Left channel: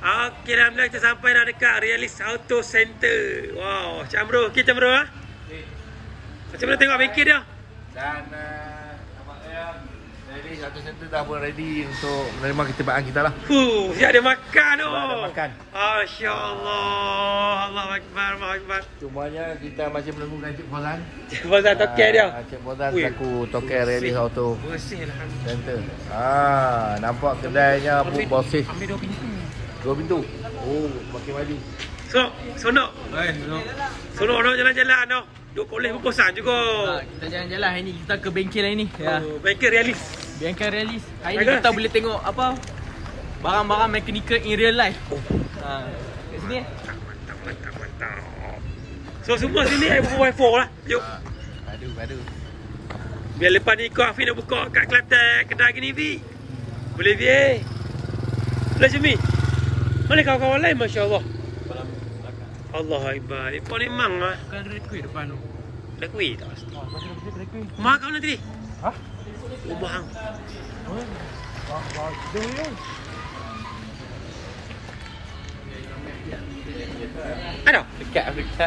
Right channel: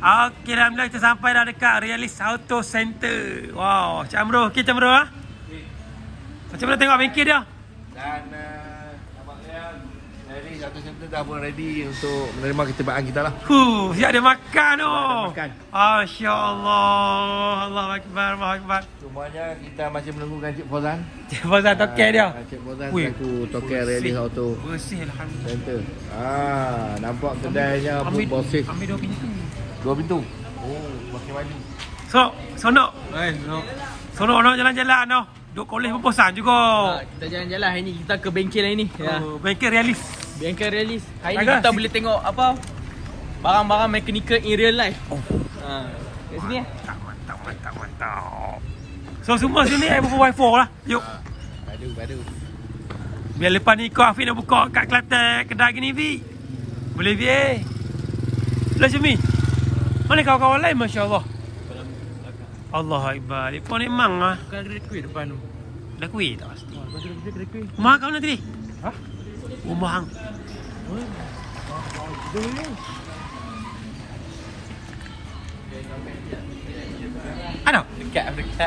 Okey, alhamdulillah kita sampai dah dekat Realis Auto Center. Wow, Cik Amro, okey Cik Amro ah. Macam mana tengok bengkel dia? Dan nampaknya Realis Auto Center dah pun ready untuk menerima ketibaan kita lah. Siap dia makan tu. Makan. Masya-Allah. Allahu akbar, Allahu akbar. Cumanya kita masih menunggu Cik Fozan. Fozan token dia. Cik Fozan selaku token Realis Auto Bersih alhamdulillah. Center. Nampak kedainya pun bersih. Ambil 2 pintu. 2 pintu. Makin maju. Sonok. Sonok nak jalan-jalan noh. Duk kolej pun bosan juga. Kita jalan-jalan hari ni, kita ke bengkel hari ni. Ya. Bengkel Realis. Bengkel Realis. Hari ni kita boleh tengok apa? Barang-barang mechanical in real life. Kat sini. Mantap. So semua sini buku wifi lah. Yuk. Padu. Biar lepas ni kau Afiq nak buka kat Kelantan kedai gini Vi. Boleh Vi eh. Macam ni. Mana kawan-kawan lain masya-Allah. Allah Akbar. Ipon memang ah. Kan ada kuih depan tu. Ada kuih tak pasti. Ada kuih. Mahal kau nanti? Hah? Mahal. Ada? Dekat Afrika.